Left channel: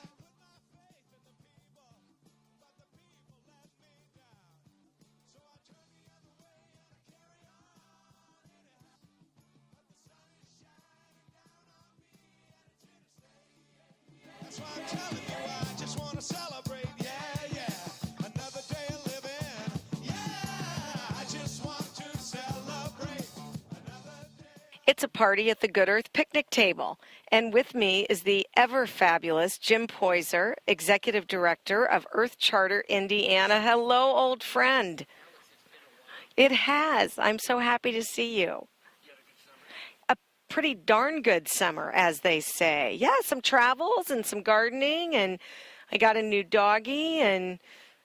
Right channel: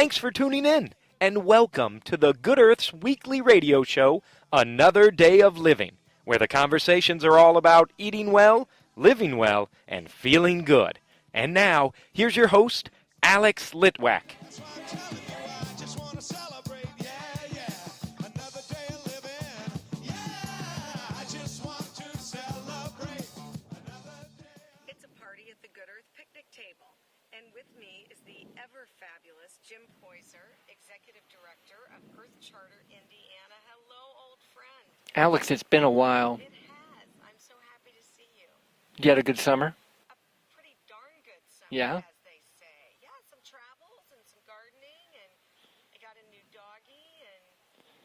Thanks for tuning in, and welcome to the Good Earth's weekly radio show, Another Day of Living, where the conversations are all about eating well, living well, and feeling good. And now, here's your host, Alex Litwack. It's a party at the Good Earth picnic table, and with me is the ever-fabulous Jim Poyser, Executive Director of Earth Charter Indiana. Hello, old friend. Alex, it's been a while. It has. I'm so happy to see you. You had a good summer? A pretty darn good summer, as they say. Yeah, some travels and some gardening, and I got a new doggie, and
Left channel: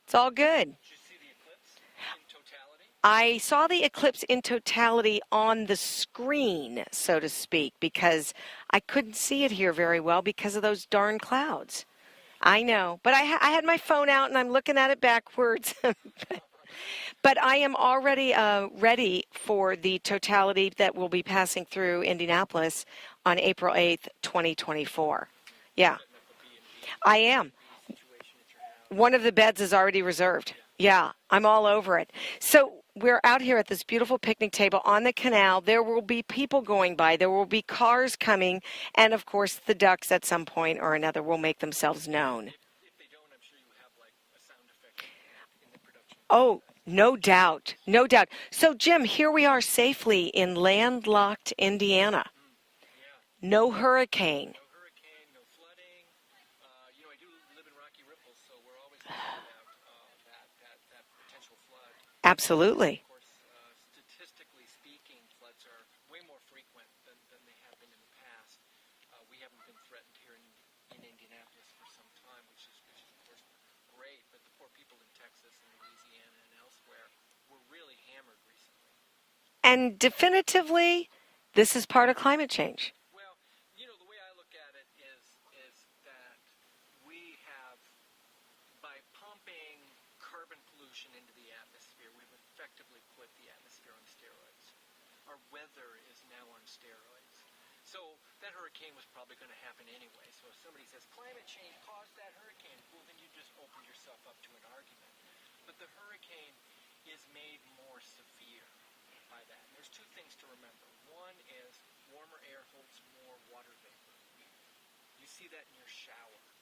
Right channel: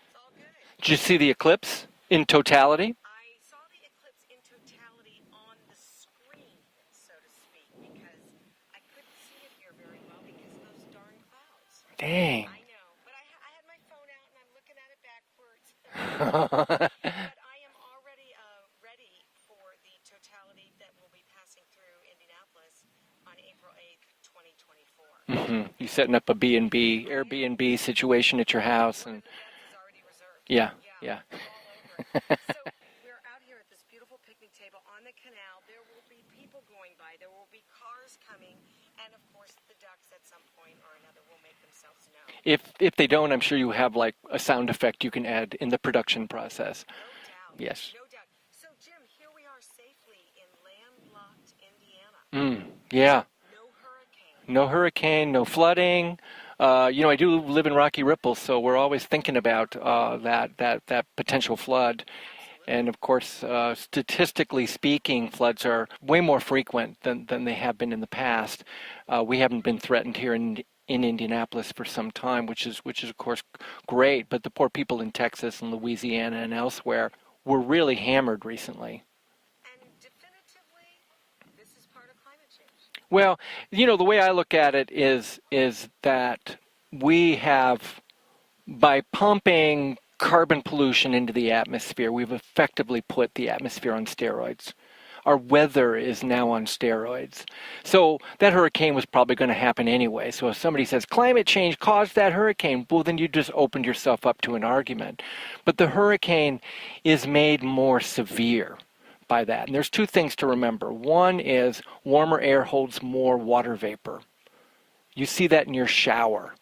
it's all good. Did you see the eclipse in totality? I saw the eclipse in totality on the screen, so to speak, because I couldn't see it here very well because of those darn clouds. Dang. I know, but I had my phone out and I'm looking at it backwards. But I am already ready for the totality that will be passing through Indianapolis on April 8th, 2024. Mm-hmm. Yeah. You're setting up a B&B, Airbnb situation at your house. One of the beds is already reserved. Yeah. I'm all over it. So we're out here at this beautiful picnic table on the canal. There will be people going by. There will be cars coming. And, of course, the ducks at some point or another will make themselves known. If they don't, I'm sure you have, like, a sound effect you can add in the production process. Oh, no doubt. Yes. No doubt. So, Jim, here we are safely in landlocked Indiana. Yeah. No hurricane. No hurricane, no flooding. I do live in Rocky Ripples, so we're always thinking about that potential flood. Absolutely. And, of course, statistically speaking, floods are way more frequent than they have been in the past. We haven't been threatened here in Indianapolis for some time, which is of course great. But the poor people in Texas and Louisiana and elsewhere were really hammered recently. And definitively, this is part of climate change. Well, the way I look at it is that we have, by pumping carbon pollution into the atmosphere, we've effectively put the atmosphere on steroids. Our weather is now on steroids. So that hurricane was probably going to happen anyway. So if somebody says climate change caused that hurricane, well, then you just opened yourself up to an argument. But the hurricane is made more severe by that. And there's two things to remember. One is warmer air holds more water vapor. You see that in your shower.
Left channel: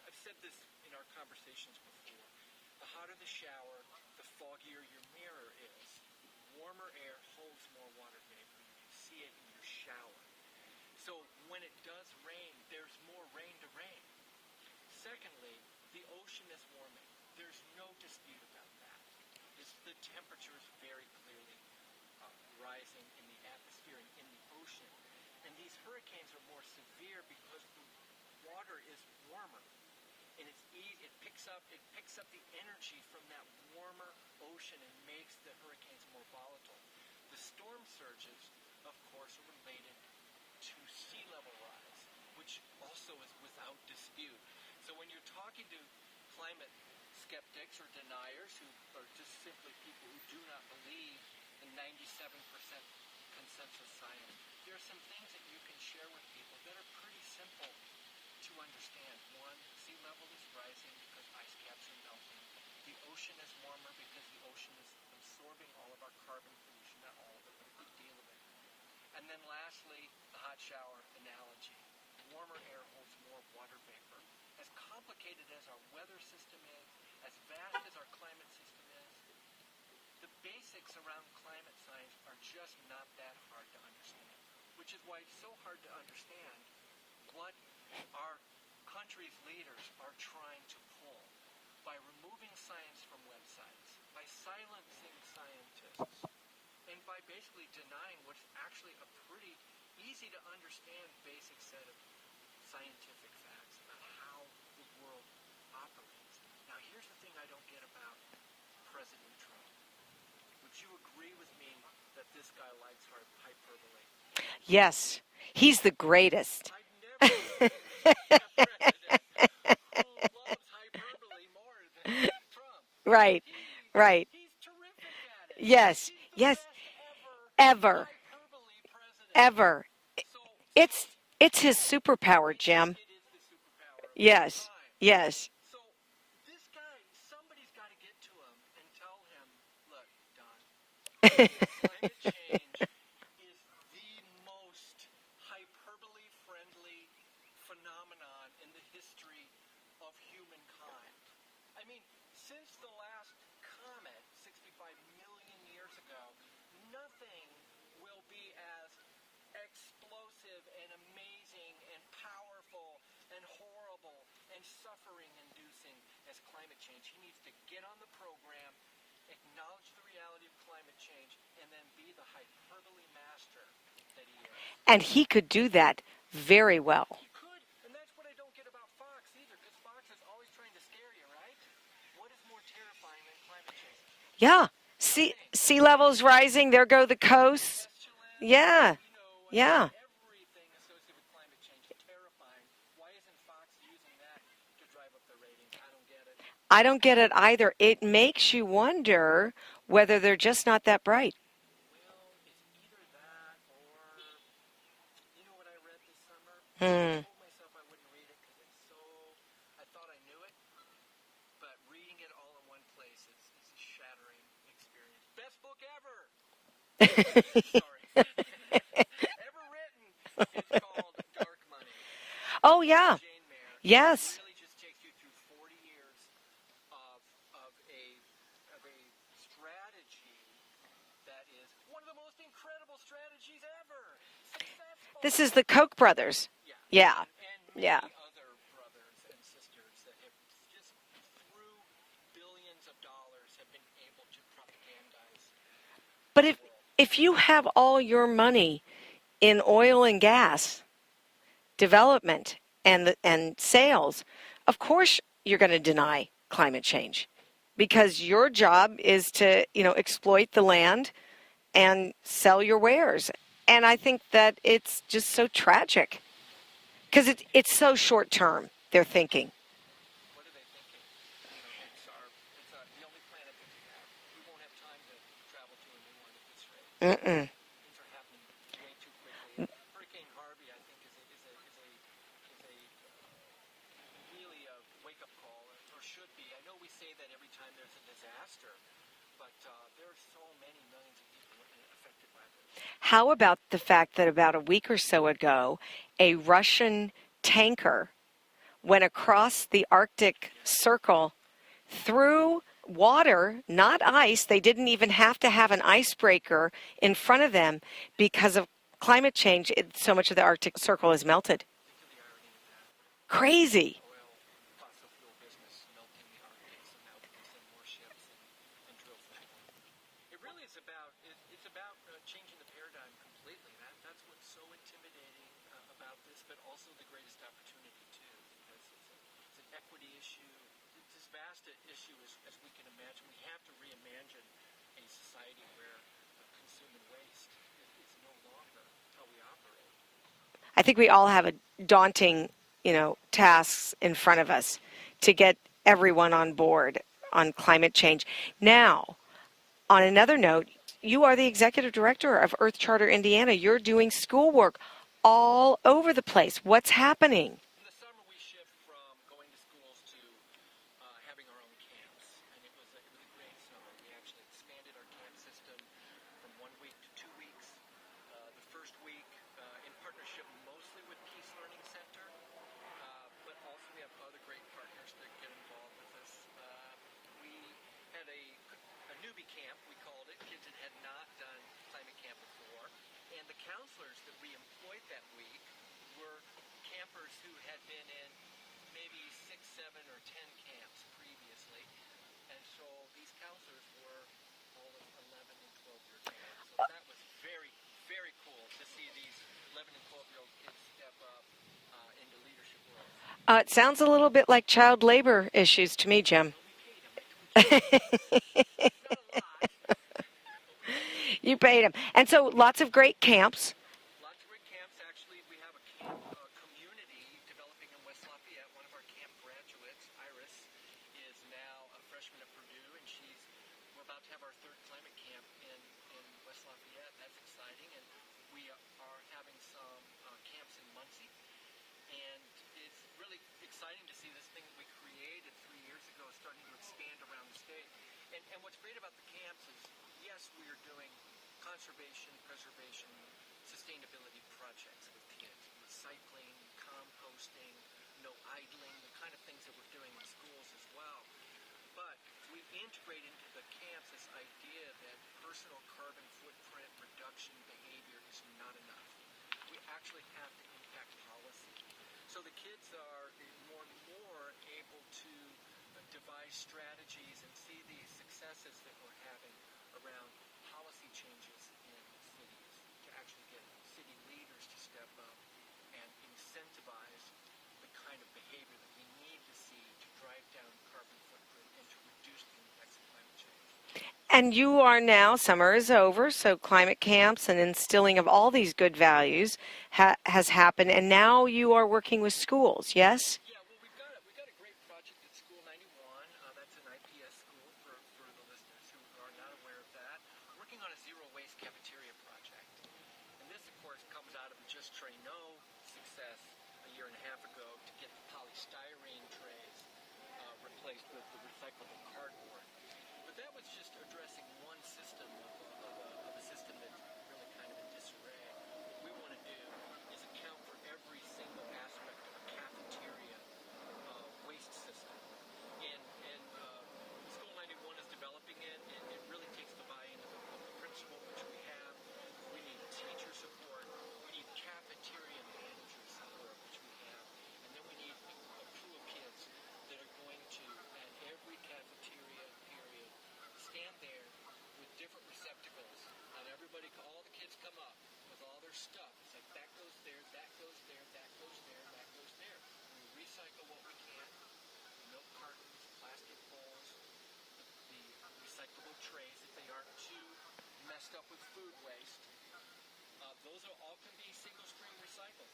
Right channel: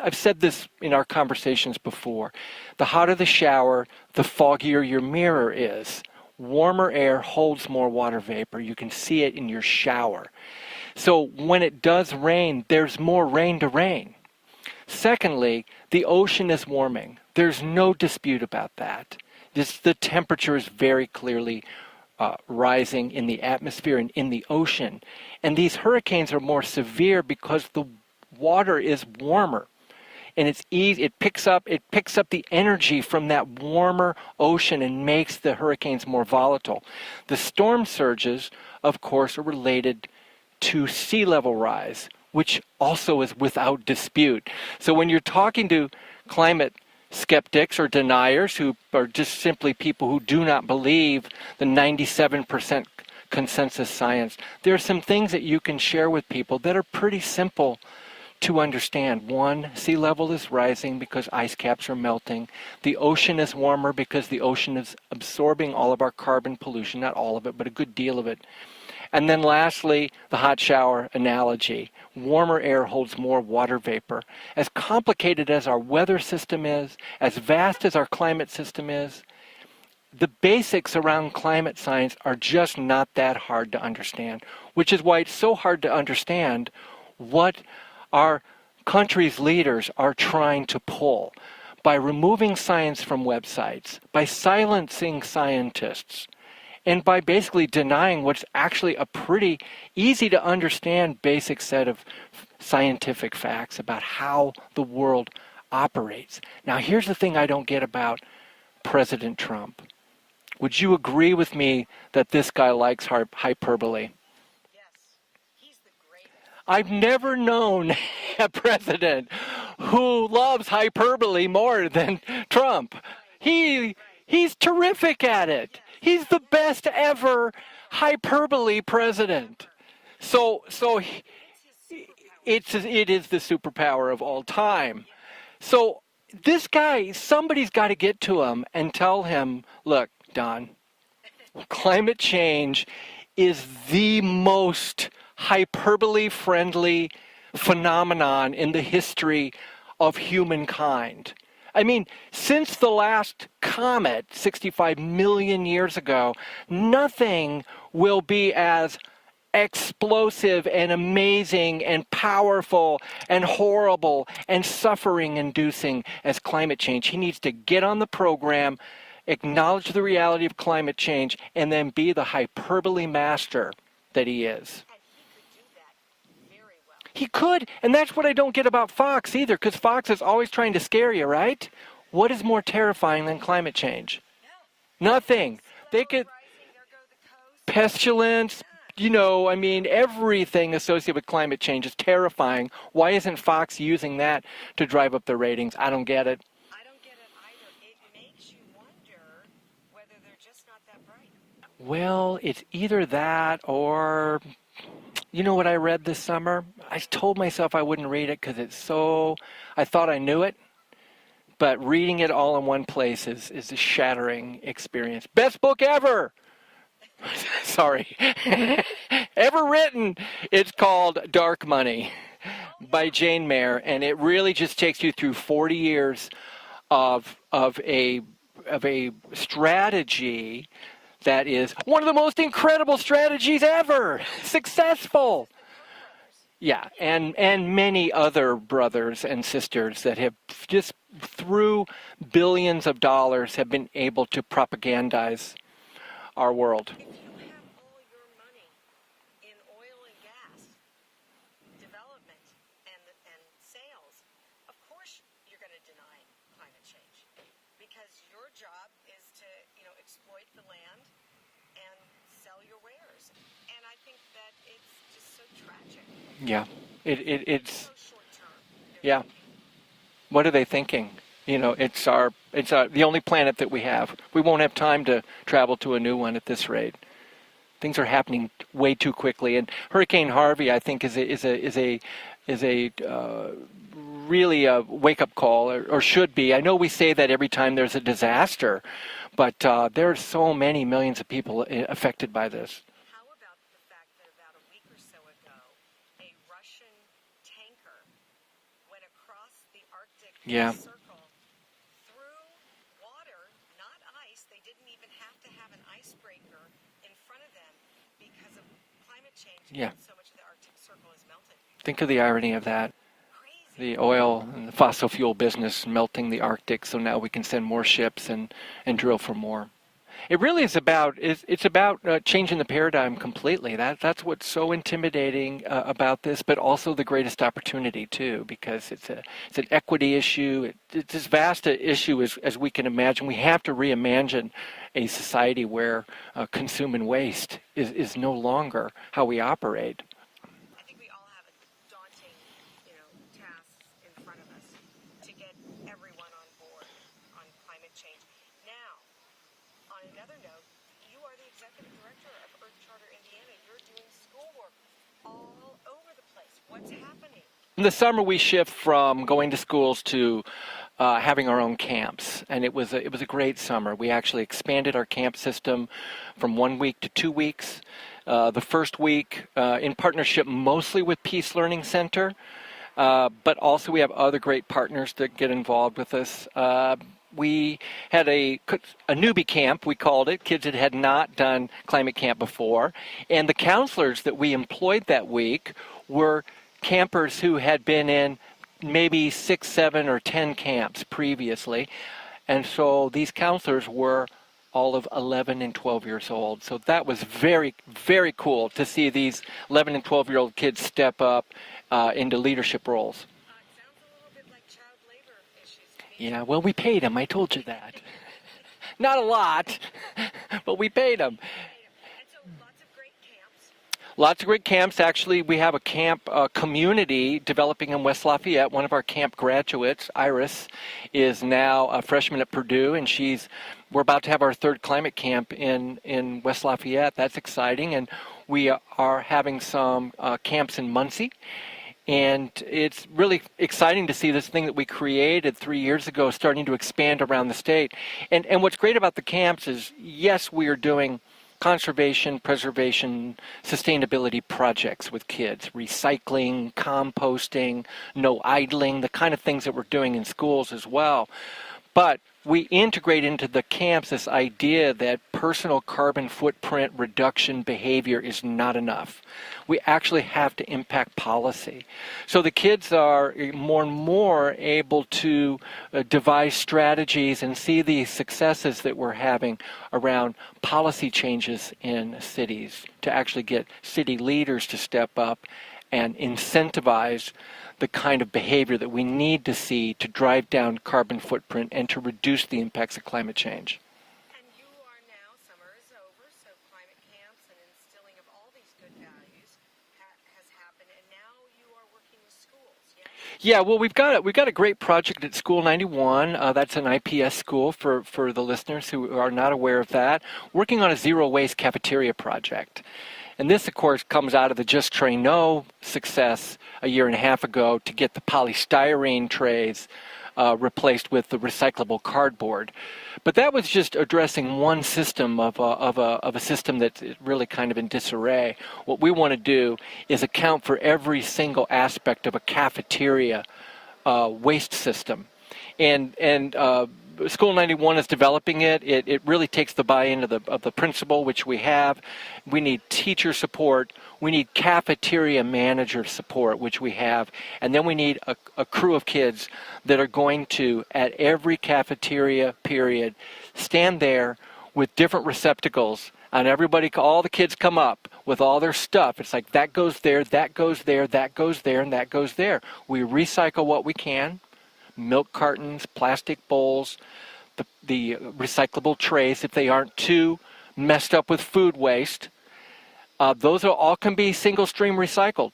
I've said this in our conversations before. The hotter the shower, the foggier your mirror is. Warmer air holds more water vapor. You can see it in your shower. So when it does rain, there's more rain to rain. Secondly, the ocean is warming. There's no dispute about that. The temperature is very clearly rising in the atmosphere and in the ocean. And these hurricanes are more severe because the water is warmer. And it's easy, it picks up the energy from that warmer ocean and makes the hurricanes more volatile. The storm surges, of course, are related to sea level rise, which also is without dispute. So when you're talking to climate skeptics or deniers who are just simply people who do not believe the 97% consensus science, there are some things that you can share with people that are pretty simple to understand. One, sea level is rising because ice caps are melting. The ocean is warmer because the ocean is absorbing all of our carbon pollution, not all of it, but a good deal of it. And then lastly, the hot shower analogy. Warmer air holds more water vapor. As complicated as our weather system is, as vast as our climate system is, the basics around climate science are just not that hard to understand, which is why it's so hard to understand what our country's leaders are trying to pull by removing science from websites, by silencing scientists, and by basically denying what's actually a pretty easy to understand basic set of scientific facts about how the world operates. Now, here's the thing I don't get about President Trump. Would you agree with me that this guy likes hyperbole? Yes. He's the greatest. I've never known a president who loves hyperbole more than Trump. Right. He's terrific at it. Yes. He's the best ever hyperbole president. Ever. So It's his superpower, Jim. it is the superpower of all Yes. time. Yes. So this guy, somebody's got to get to him and tell him, look, Don, climate change is the most hyperbole-friendly phenomenon in the history of humankind. I mean, since the last comet 65 million years ago, nothing will be as explosive and amazing and powerful and horrible and suffering inducing as climate change. He needs to get on the program, acknowledge the reality of climate change, and then be the hyperbole master that he is. And he could do that very well. He could, and that's what I don't get about Fox either, because Fox is always trying to scare you, right? What is more terrifying than climate change? Yeah. Nothing. Sea levels rising, there go the coasts. Pestilence. Yeah. I mean, everything associated with climate change is terrifying. Why isn't Fox using that to drive up their ratings? I don't get it. I don't get it either. It makes you wonder whether they're just not that bright. Well, it's either that or, you know what I read this summer? I told myself I wouldn't read it because I thought I knew it. But reading it all in one place is a shattering experience. Best book ever! Sorry. Ever written. It's called Dark Money. Oh, yeah. By Jane Mayer. And Yes. it really just takes you through 40 years of a strategy that is one of the most incredible strategies ever. Successful. This is the Koch brothers. Yeah. Yeah. And many other brothers and sisters that have just through billions of dollars have been able to propagandize our world. If you have all your money in oil and gas development and sales, of course you're going to deny climate change because your job is to, exploit the land and sell your wares. And I think that it's just so tragic. Yeah. Because it's so short term, they're thinking. What are they thinking? It's the only planet that we have. We won't have time to travel to a new one at this rate. Mm-mm. Things are happening way too quickly, and Hurricane Harvey, I think, is a really a wake-up call, or should be. I know we say that every time there's a disaster, but there are so many millions of people affected by this. How about the fact that about a week or so ago, a Russian tanker went across the Arctic Circle through water, not ice. They didn't even have to have an icebreaker in front of them because of climate change. So much of the Arctic Circle is melted. Think of the irony of that. Crazy. The oil and the fossil fuel business melting the Arctic, so now we can send more ships and drill for more. It really is about changing the paradigm completely. That's what's so intimidating about this, but also the greatest opportunity too, because it's an equity issue. It's as vast an issue as we can imagine. We have to reimagine a society where consume and waste is no longer how we operate. I think we all have a daunting, tasks in front of us to get everyone on board on climate change. Now, on another note, you are the executive director of Earth Charter Indiana. You're doing schoolwork all over the place. What's happening? In the summer, we shift from going to schools to having our own camps, and it was a great summer. We actually expanded our camp system from 1 week to 2 weeks. The first week, in partnership mostly with Peace Learning Center, but also we have other great partners that get involved with us. We had a newbie camp, we called it, kids that had not done climate camp before. And the counselors that we employed that week were campers who had been in maybe 6, 7, or 10 camps previously. And so these counselors were all of 11 and 12 years old. So that was very, very cool to see these 11 and 12-year-old kids step up into leadership roles. It sounds a little bit like child labor issues to me, Jim. Well, we paid them. I told you that. Not a lot, but we paid them. You paid them. And so lots of great camps. Lots of great camps. Actually, we have a camp community developing in West Lafayette. One of our camp graduates, Iris, is now a freshman at Purdue, and we're about to have our third climate camp in West Lafayette. That's exciting. And We are having some camps in Muncie. And it's really exciting to see this thing that we created 3 years ago starting to expand around the state. And what's great about the camps is, yes, we are doing conservation, preservation, sustainability projects with kids, recycling, composting, no idling, the kind of things that we're doing in schools as well. But we integrate into the camps this idea that personal carbon footprint reduction behavior is not enough. We actually have to impact policy. So the kids are more and more able to devise strategies and see the successes that we're having around policy changes in cities to actually get city leaders to step up and incentivize the kind of behavior that we need to see to drive down carbon footprint and to reduce the impacts of climate change. And you are now, summer is over, so climate camps and instilling of all these good values has happened, and now you are working with schools, yes? Yeah, well, we've got a great project at School 91. That's an IPS school for the listeners who are not aware of that, working on a zero waste cafeteria project. And this, of course, comes out of the Just Train No success a year and a half ago to get the polystyrene trays replaced with the recyclable cardboard. But that was just addressing one system of a system that's really kind of in disarray. What we want to do is account for every single aspect of a cafeteria waste system. And School 91 is developing it. It really takes the buy-in of the principal, which we have. We need teacher support. We need cafeteria manager support, which we have. And then we need a crew of kids that are going to, at every cafeteria period, stand there with different receptacles. And all the kids come up with all their stuff. It's like that goes there, that goes there, that goes there, and that goes there. We recycle what we can. Milk cartons, plastic bowls, the recyclable trays, if they aren't too messed up with food waste. Those all can be single stream recycled.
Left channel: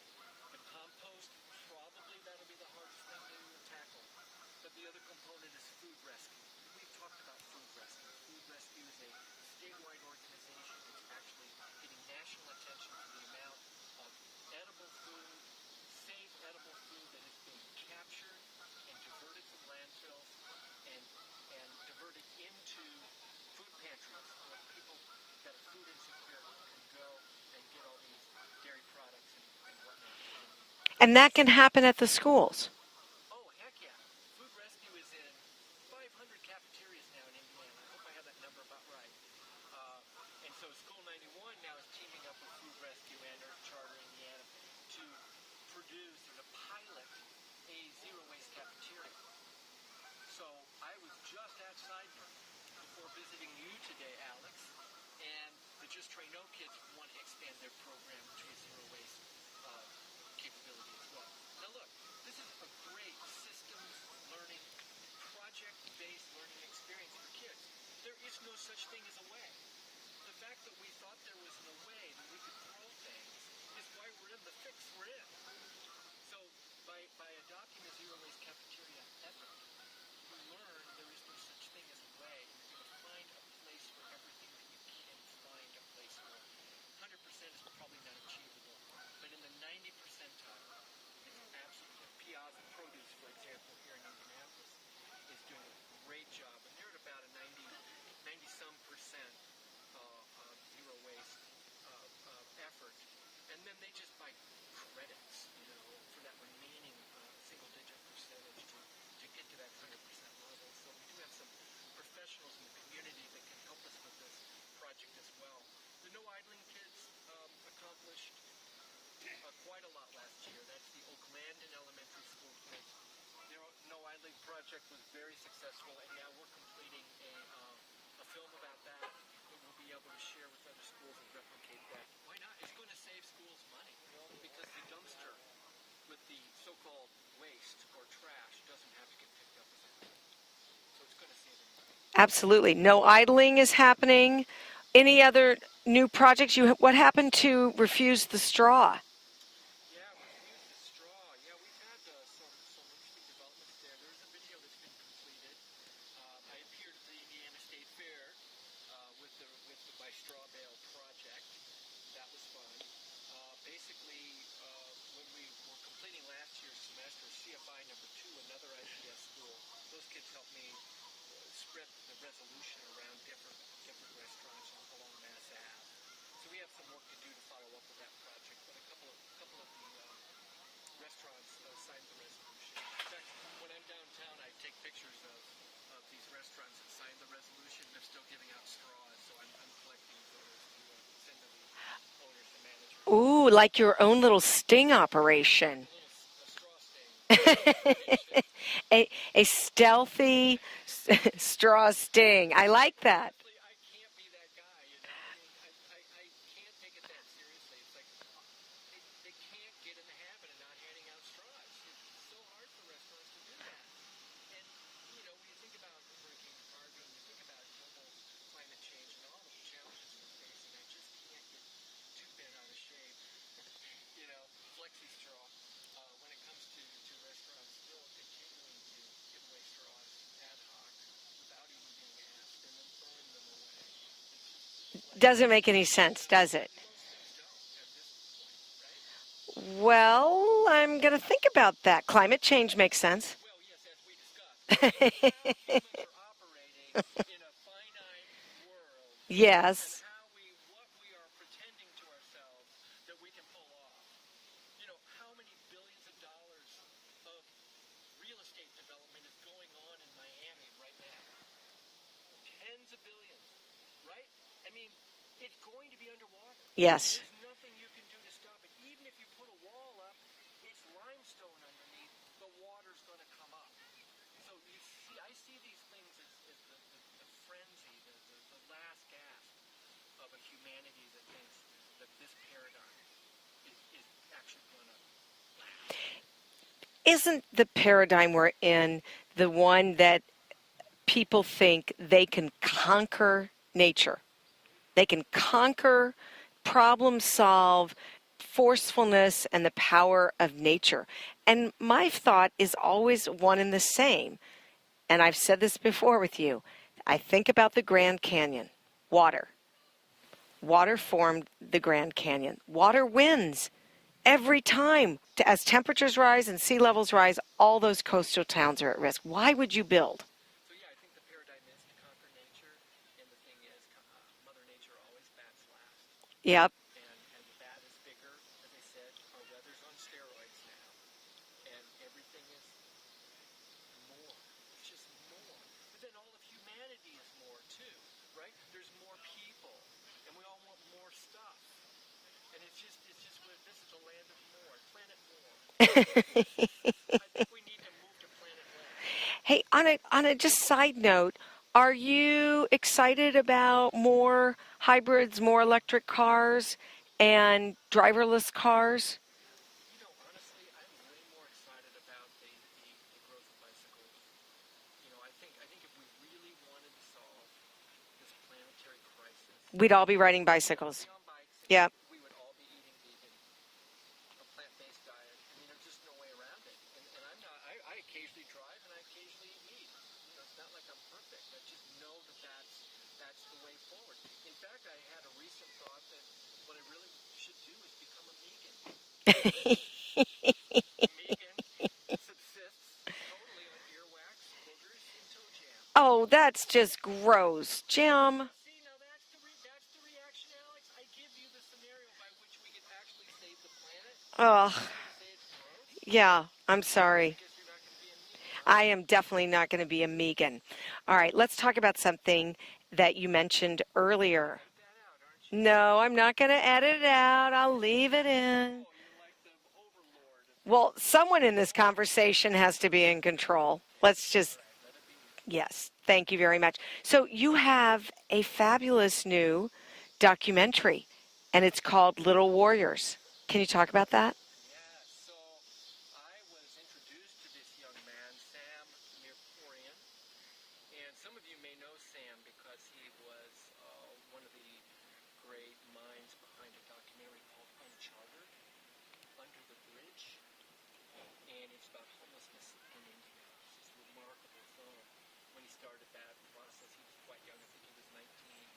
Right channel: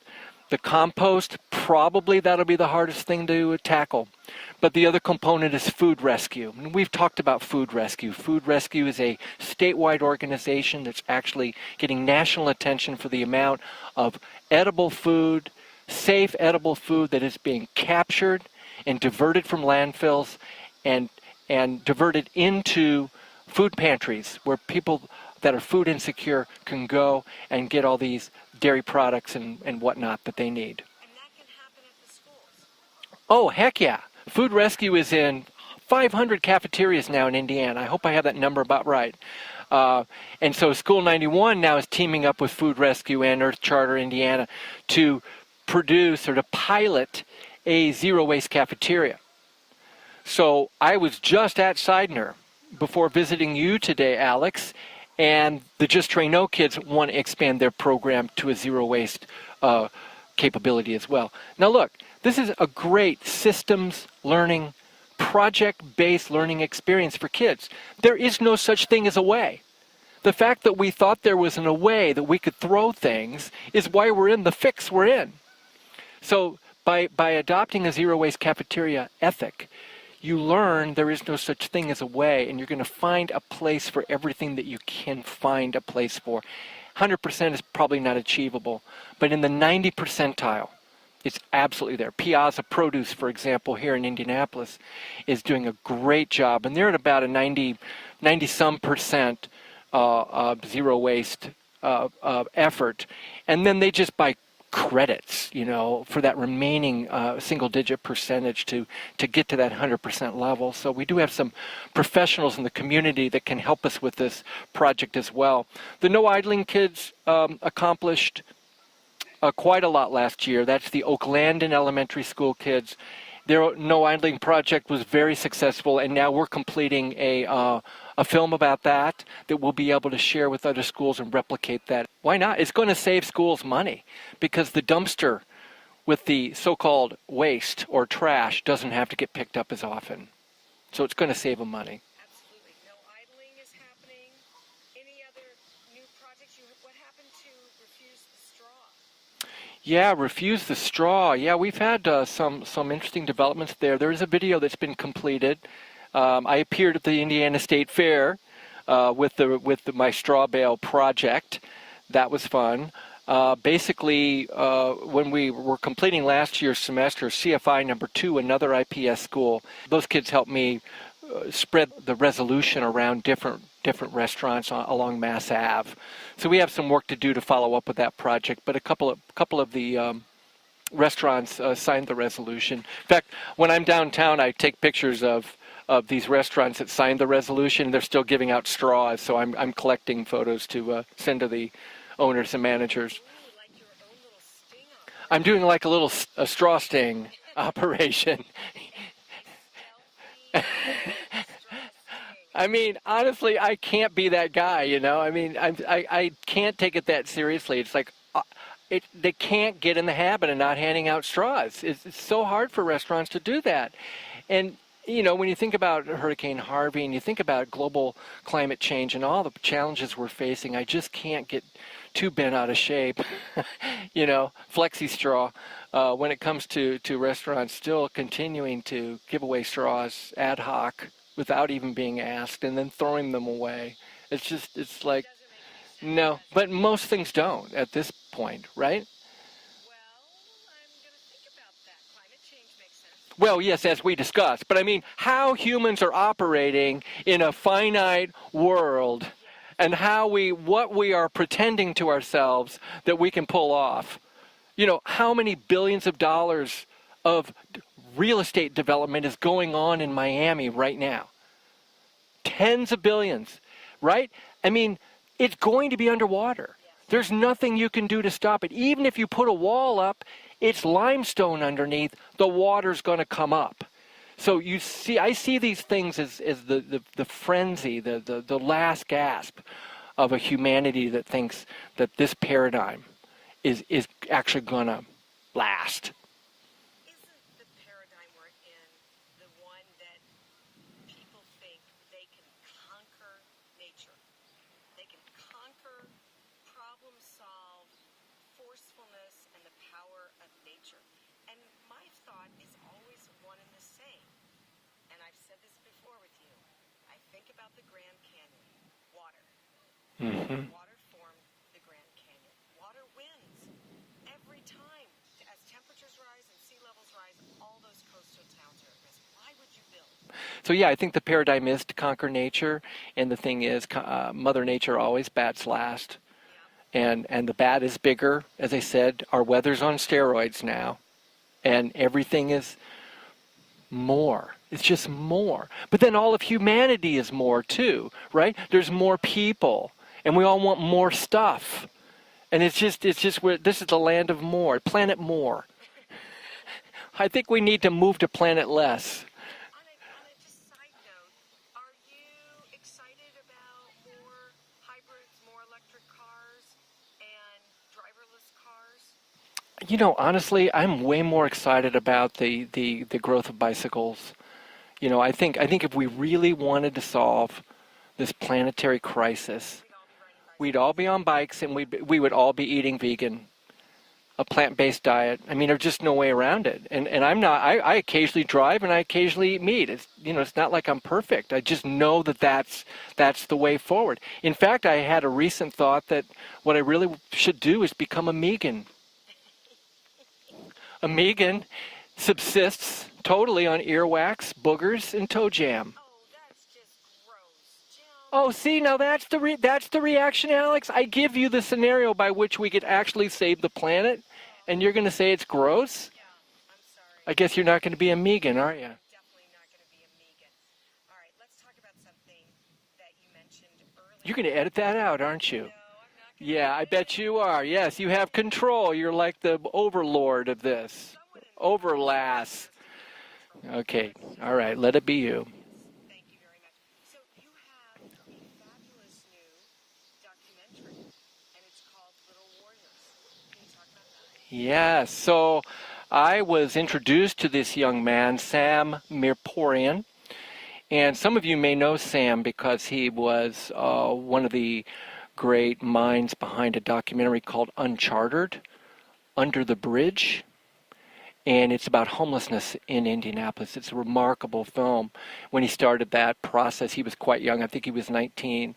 The compost, probably that'll be the hardest thing to tackle. But the other component is food rescue. And we've talked about food rescue. Food rescue is a statewide organization that's actually getting national attention for the amount of edible food, safe edible food that is being captured and diverted from landfills and diverted into food pantries where people that are food insecure can go and get all these dairy products and whatnot that they need. And that can happen at the schools? Oh, heck yeah. Food rescue is in 500 cafeterias now in Indiana. I hope I have that number about right. And so School 91 now is teaming up with Food Rescue and Earth Charter Indiana to produce or to pilot a zero waste cafeteria. So I was just at Seidner before visiting you today, Alex, and the Just Train No kids want to expand their program to a zero waste capability as well. Now look, this is a great systems learning, project-based learning experience for kids. There is no such thing as a way. The fact that we thought there was a way that we could throw things is why we're in the fix we're in. So by adopting a zero waste cafeteria ethic, you learn there is no such thing as a way, and you're going to find a place for everything that you can find a place for. 100% is probably not achievable, but in the 90 percentile, it's absolutely there. Piazza Produce, for example, here in Indianapolis, is doing a great job, and they're at about a 90-some percent zero waste effort, and then they just buy credits, for that remaining single-digit percentage to get to that 100% level. So we do have some professionals in the community that can help us with this project as well. The No Idling kids accomplished quite a lot last year. That's the Oaklandon Elementary School kids. Their No Idling project was very successful, and now we're completing a film about that we'll be able to share with other schools and replicate that. Why not? It's going to save schools money because the dumpster with the so-called waste or trash doesn't have to get picked up as often. So it's going to save them money. Absolutely. No idling is happening. Any other new projects? What happened to Refuse the Straw? Yeah, Refuse the Straw. Yeah, we've had some interesting developments there. There is a video that's been completed. I appeared at the Indiana State Fair with my straw bale project That was fun. Basically, when we were completing last year's semester, CFI number 2, another IPS school, those kids helped me spread the resolution around different restaurants along Mass Ave. So we have some work to do to follow up with that project, but a couple of the restaurants signed the resolution. In fact, when I'm downtown, I take pictures of these restaurants that signed the resolution. They're still giving out straws, so I'm collecting photos to send to the owners and managers. Ooh, like your own little sting operation. I'm doing like a little straw sting operation. A stealthy straw sting. I mean, like that. Honestly, I can't be that guy, you know. I mean, I can't take it that seriously. It's like they can't get in the habit of not handing out straws. It's so hard for restaurants to do that. And you know, when you think about Hurricane Harvey and you think about global climate change and all the challenges we're facing, I just can't get too bent out of shape, you know, flexi straw, when it comes to restaurants still continuing to give away straws ad hoc without even being asked and then throwing them away. It's like... Doesn't make any sense, no, does it? But most things don't at this point, right? Well, I'm going to think about that. Climate change makes sense. Well, yes, as we discussed. But I mean, how humans are operating in a finite world. Yes. And what we are pretending to ourselves that we can pull off. You know, how many billions of dollars of real estate development is going on in Miami right now? Tens of billions, right? I mean, it's going to be underwater. Yes. There's nothing you can do to stop it. Even if you put a wall up, it's limestone underneath, the water's going to come up. So you see, I see these things as the frenzy, the last gasp of a humanity that thinks that this paradigm is actually going to last. Isn't the paradigm we're in the one that people think they can conquer nature? They can conquer, problem solve, forcefulness, and the power of nature. And my thought is always one and the same. And I've said this before with you. I think about the Grand Canyon, water. Mm-hmm. Water formed the Grand Canyon. Water wins every time. As temperatures rise and sea levels rise, all those coastal towns are at risk. Why would you build? So yeah, I think the paradigm is to conquer nature, and the thing is, Mother Nature always bats last. Yep. And the bat is bigger. As I said, our weather's on steroids now, and everything is more. It's just more. But then all of humanity is more too, right? There's more people, and we all want more stuff. And it's just where this is the land of more, planet more. I think we need to move to planet less. Hey, on a just side note, are you excited about more hybrids, more electric cars, and driverless cars? You know, honestly, I'm way more excited about the growth of bicycles. You know, I think if we really wanted to solve this planetary crisis, we'd all be riding bicycles. We'd all be on bikes, and yep. we would all be eating vegan, a plant-based diet. I mean, there's just no way around it. And I'm not. I occasionally drive, and I occasionally eat meat. It's, you know, it's not like I'm perfect. I just know that that's the way forward. In fact, I had a recent thought that what I really should do is become a Megan. A Megan subsists totally on earwax, boogers, and toe jam. Oh, that's just gross, Jim. Oh, see, now that's the reaction, Alex. I give you the scenario by which we could actually save the planet, and you're going to say it's gross? Yeah, I'm sorry. I guess you're not going to be a Megan, are you? I am definitely not going to be a Megan. All right, let's talk about something that you mentioned earlier. You're going to edit that out, aren't you? No, I'm not going to edit it out. Yeah, I bet you are. I'll yes, you have control. You're like the overlord of this. Well, someone in this conversation has to be in control. Okay. Let's just... All right, let it be you. Yes, thank you very much. So you have a fabulous new documentary, and it's called Little Warriors. Can you talk about that? Yes. So I was introduced to this young man, Sam Mirporian. And some of you may know Sam because he was one of the great minds behind a documentary called Uncharted, Under the Bridge. And it's about homelessness in Indianapolis. It's a remarkable film. When he started that process, he was quite young. I think he was 19.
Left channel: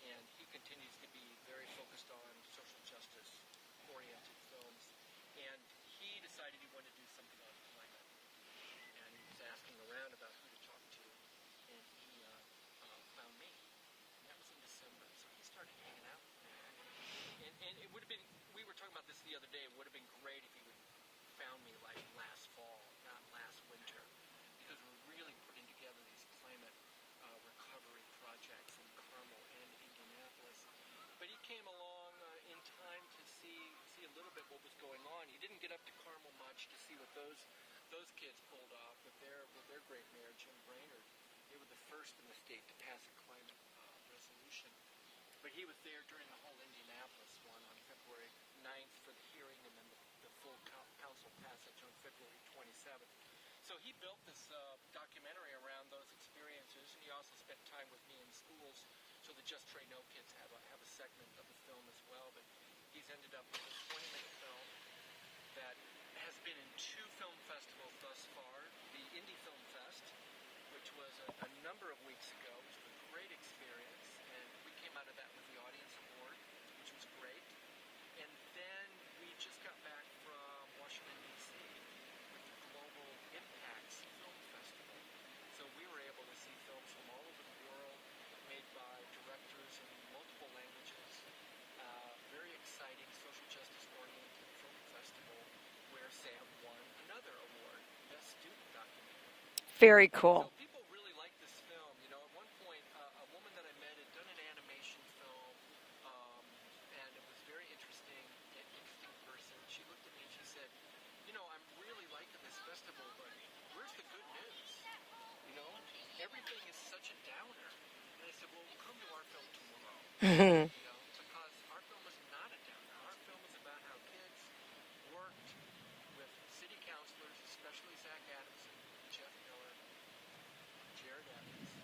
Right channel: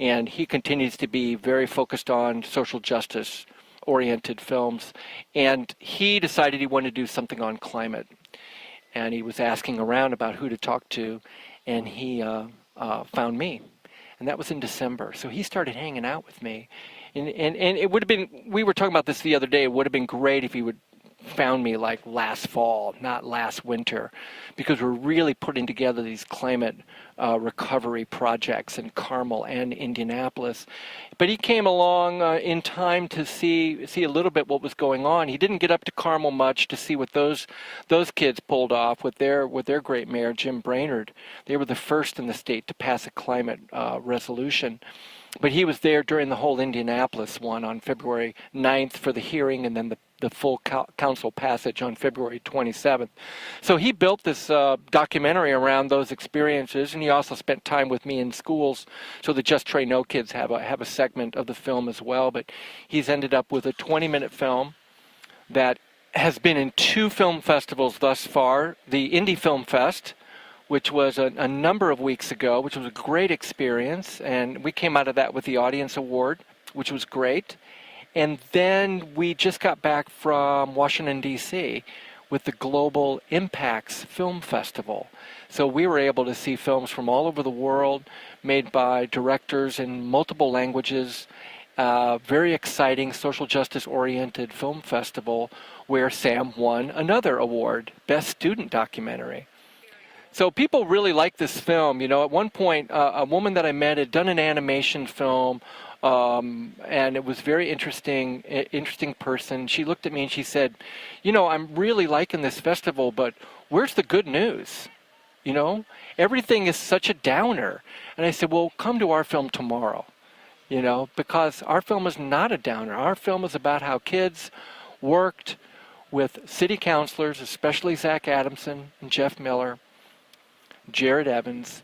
and he continues to be very focused on social justice oriented films, and he decided he wanted to do something on climate, and he was asking around about who to talk to, and he found me, and that was in December. So he started hanging out with me, and it would have been, we were talking about this the other day, it would have been great if he would found me like last fall, not last winter, because we're really putting together these climate recovery projects in Carmel and Indianapolis. But he came along in time to see a little bit what was going on. He didn't get up to Carmel much to see what those kids pulled off with their great mayor, Jim Brainerd. They were the first in the state to pass a climate resolution. But he was there during the whole Indianapolis one on February 9th for the hearing, and then the full council passage on February 27th. So he built this documentary around those experiences, and he also spent time with me in schools, so the Just Tray No kids have a segment of the film as well. But he's ended up with a 20-minute film that has been in 2 film festivals thus far. The Indie Film Fest, which was a number of weeks ago, which was a great experience, and we came out of that with the Audience Award, which was great. And then we just got back from Washington, D.C. with the Global Impacts Film Festival. So we were able to see films from all over the world made by directors in multiple languages. Very exciting social justice-oriented film festival where Sam won another award, Best Student Documentary. Very cool. So people really like this film. You know, at one point, a woman that I met had done an animation film, and it was very interesting person. She looked at me and she said, you know, I'm really liking this festival, but where's the good news? You know, everything is such a downer. And I said, well, come to our film tomorrow, you know, because our film is not a downer. Our film is about how kids worked with city councilors, especially Zach Adamson and Jeff Miller, Jared Evans,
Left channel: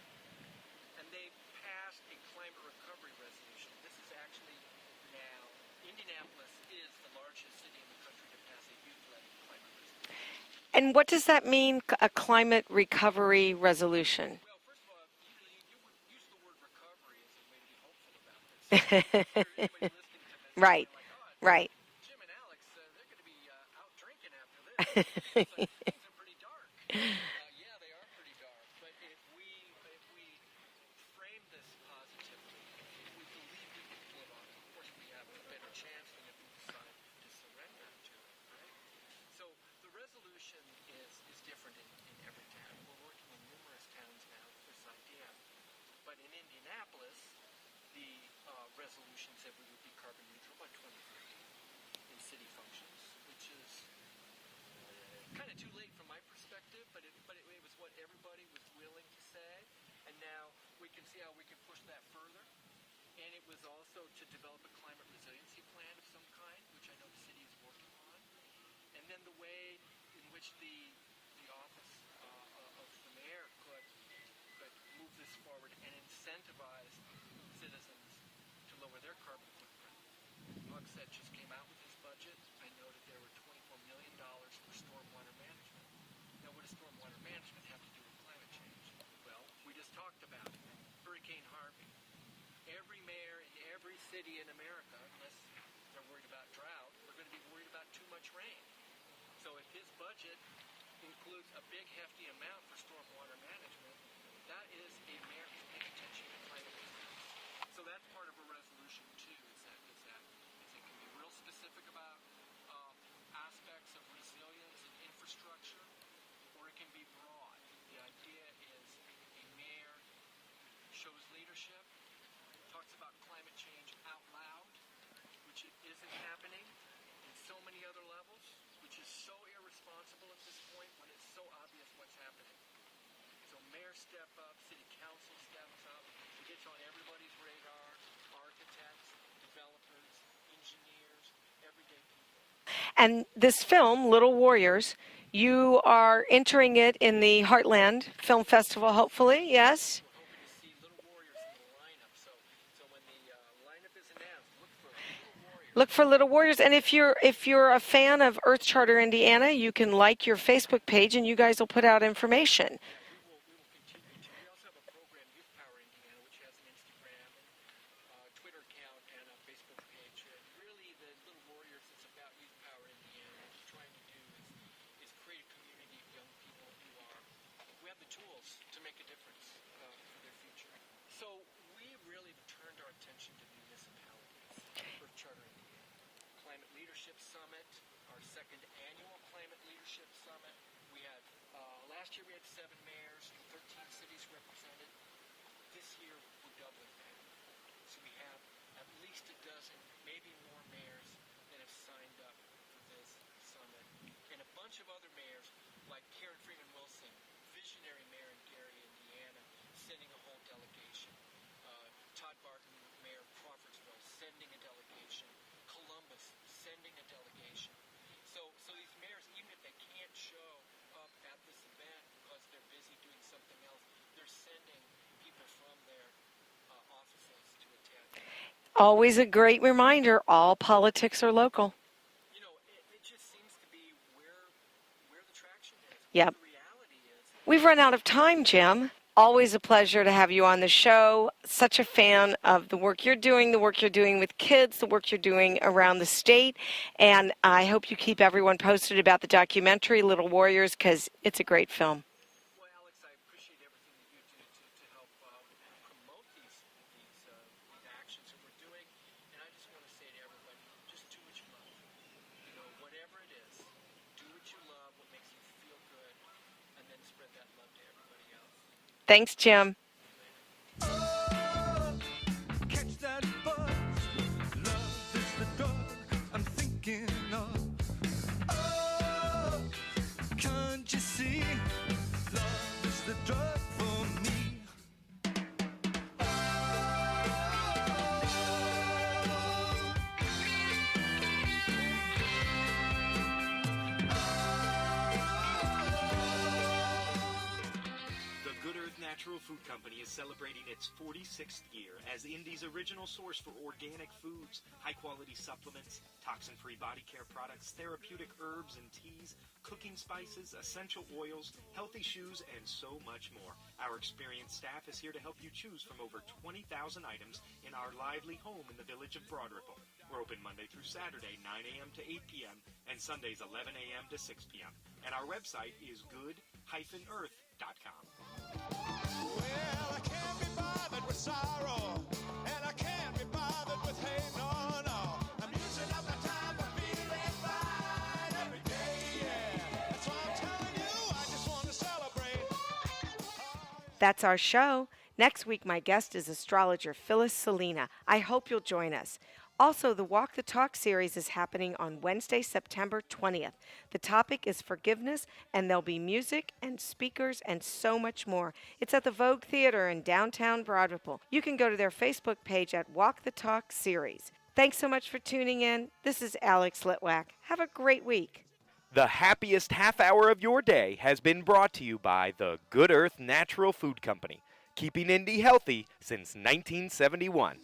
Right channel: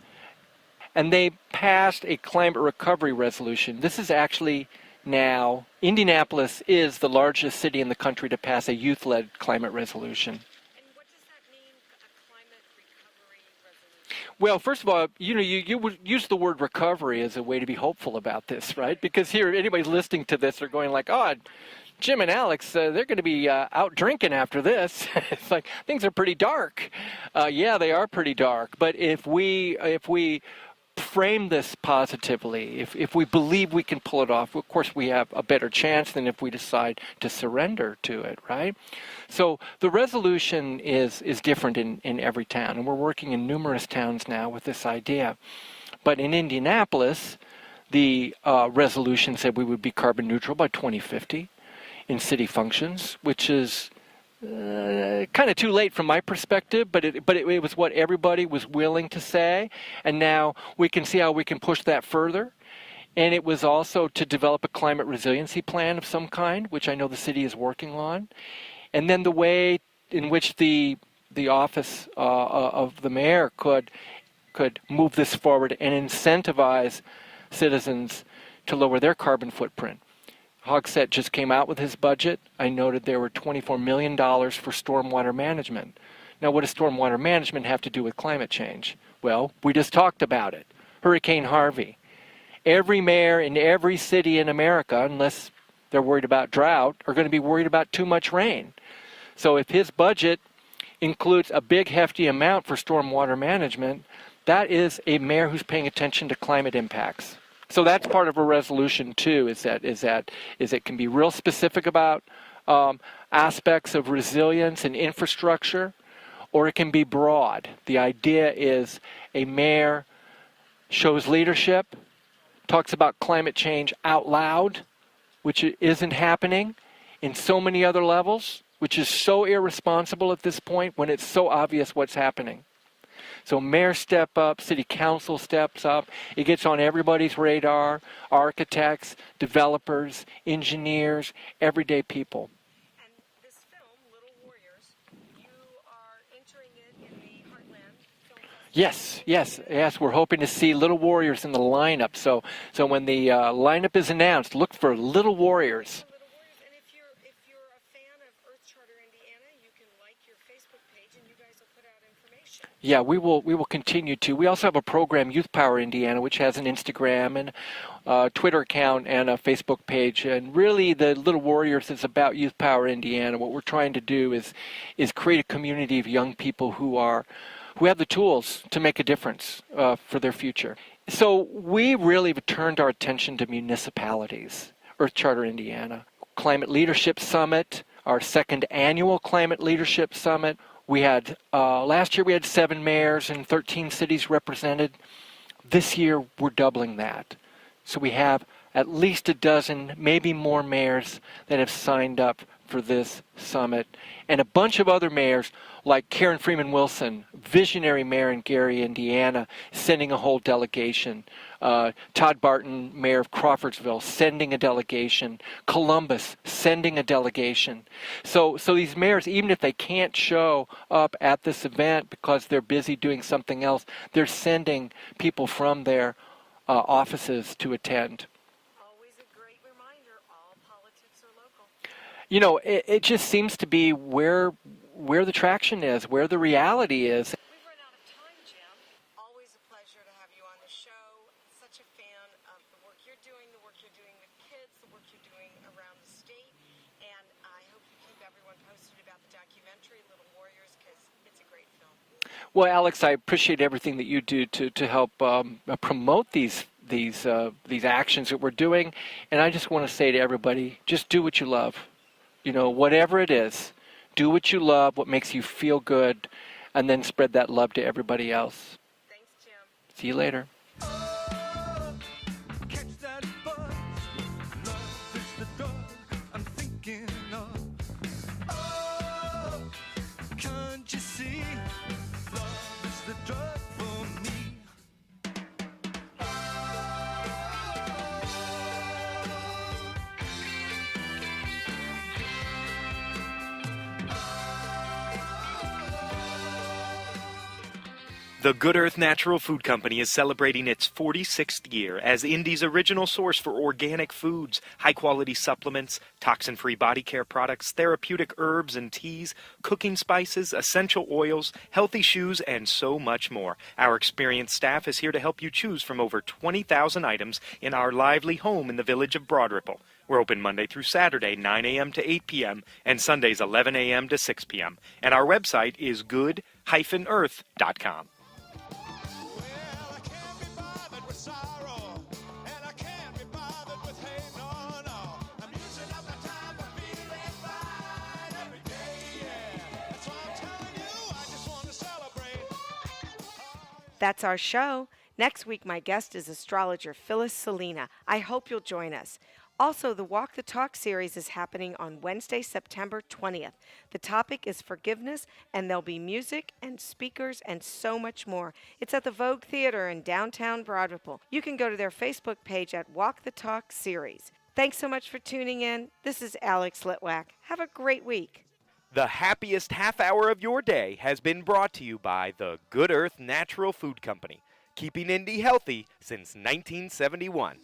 and they passed a climate recovery resolution. This is actually now, Indianapolis is the largest city in the country to pass a youth-led climate resolution. And what does that mean, a climate recovery resolution? Well, first of all, you know, you would use the word recovery as a way to be hopeful about this, right? Because here, anybody listening to this is going like, oh, right. Jim and Alex, they're going to be out drinking after this. It's like, things are pretty dark. Yeah, they are pretty dark. But if we frame this positively, if we believe we can pull it off, of course we have a better chance than if we decide to surrender to it, right? So the resolution is different in every town, and we're working in numerous towns now with this idea. But in Indianapolis, the resolution said we would be carbon neutral by 2050 in city functions, which is kind of too late from my perspective, but it was what everybody was willing to say, and now we can see how we can push that further. And it was also to develop a climate resiliency plan of some kind, which I know the city is working on. And then the way in which the office of the mayor could move this forward and incentivize citizens to lower their carbon footprint. Hogsett just came out with his budget. I noted there were $24 million for stormwater management. Now, what does stormwater management have to do with climate change? Well, we just talked about it. Hurricane Harvey. Every mayor in every city in America, unless they're worried about drought, are going to be worried about too much rain. So if his budget includes a big, hefty amount for stormwater management, that is a mayor who's paying attention to climate impacts. So that's part of a resolution too, is it can be real specific about aspects of resilience and infrastructure, or it can be broad. The idea is a mayor shows leadership, talks about climate change out loud, which isn't happening in so many other levels, which is so irresponsible at this point when it's so obvious what's happening. So mayors step up, city council steps up, it gets on everybody's radar, architects, developers, engineers, everyday people. And this film, Little Warriors, you are entering it in the Heartland Film Festival, hopefully? Yes, we're hoping to see Little Warriors in the lineup. So when the lineup is announced, look for Little Warriors. Look for Little Warriors. And if you're a fan of Earth Charter Indiana, you can like your Facebook page, and you guys will put out information. Yeah, we will continue to. We also have a program, Youth Power Indiana, which has an Instagram, and Twitter account and a Facebook page. And really, the Little Warriors is about Youth Power Indiana. What we're trying to do is create a community of young people who have the tools to make a difference for their future. So we really have turned our attention to municipalities. Earth Charter Indiana, Climate Leadership Summit, our second annual Climate Leadership Summit. We had, last year we had 7 mayors and 13 cities represented. This year we're doubling that. So we have at least a dozen, maybe more mayors that have signed up for this summit. And a bunch of other mayors like Karen Freeman Wilson, visionary mayor in Gary, Indiana, sending a whole delegation. Todd Barton, mayor of Crawfordsville, sending a delegation. Columbus, sending a delegation. So these mayors, even if they can't show up at this event because they're busy doing something else, they're sending people from their offices to attend. Always a great reminder, all politics are local. You know, it just seems to be where the traction is, where the reality is. We've run out of time, Jim. Always a pleasure to have you on the show. Such a fan of the work you're doing with kids, the work you're doing around the state. And I hope you keep everyone posted about the documentary, Little Warriors, because it's a great film. Well, Alex, I appreciate everything that you do to help promote these actions that we're doing. And I just want to say to everybody, just do what you love. You know, whatever it is, do what you love, what makes you feel good, and then spread that love to everybody else. Thanks, Jim. See you later. Catch that buzz. Love is the drug I'm thinking of. Oh, can't you see? Love is the drug for me. The Good Earth Natural Food Company is celebrating its 46th year as Indy's original source for organic foods, high-quality supplements, toxin-free body care products, therapeutic herbs and teas, cooking spices, essential oils, healthy shoes, and so much more. Our experienced staff is here to help you choose from over 20,000 items in our lively home in the village of Broad Ripple. We're open Monday through Saturday, 9 a.m. to 8 p.m., and Sundays, 11 a.m. to 6 p.m. And our website is good-earth.com. Well, I can't be bothered with sorrow, and I can't be bothered with hate, no, no. I'm using up my time for feeling fine every day, yeah. That's why I'm telling you, I just want to celebrate. That's our show. Next week, my guest is astrologer Phyllis Salina. I hope you'll join us. Also, the Walk the Talk series is happening on Wednesday, September 20th. The topic is forgiveness, and there'll be music and speakers and so much more. It's at the Vogue Theater in downtown Broad Ripple. You can go to their Facebook page at Walk the Talk series. Thanks so much for tuning in. This is Alex Litwack. Have a great week. The happiest half hour of your day has been brought to you by the Good Earth Natural Food Company, keeping Indy healthy since 1971.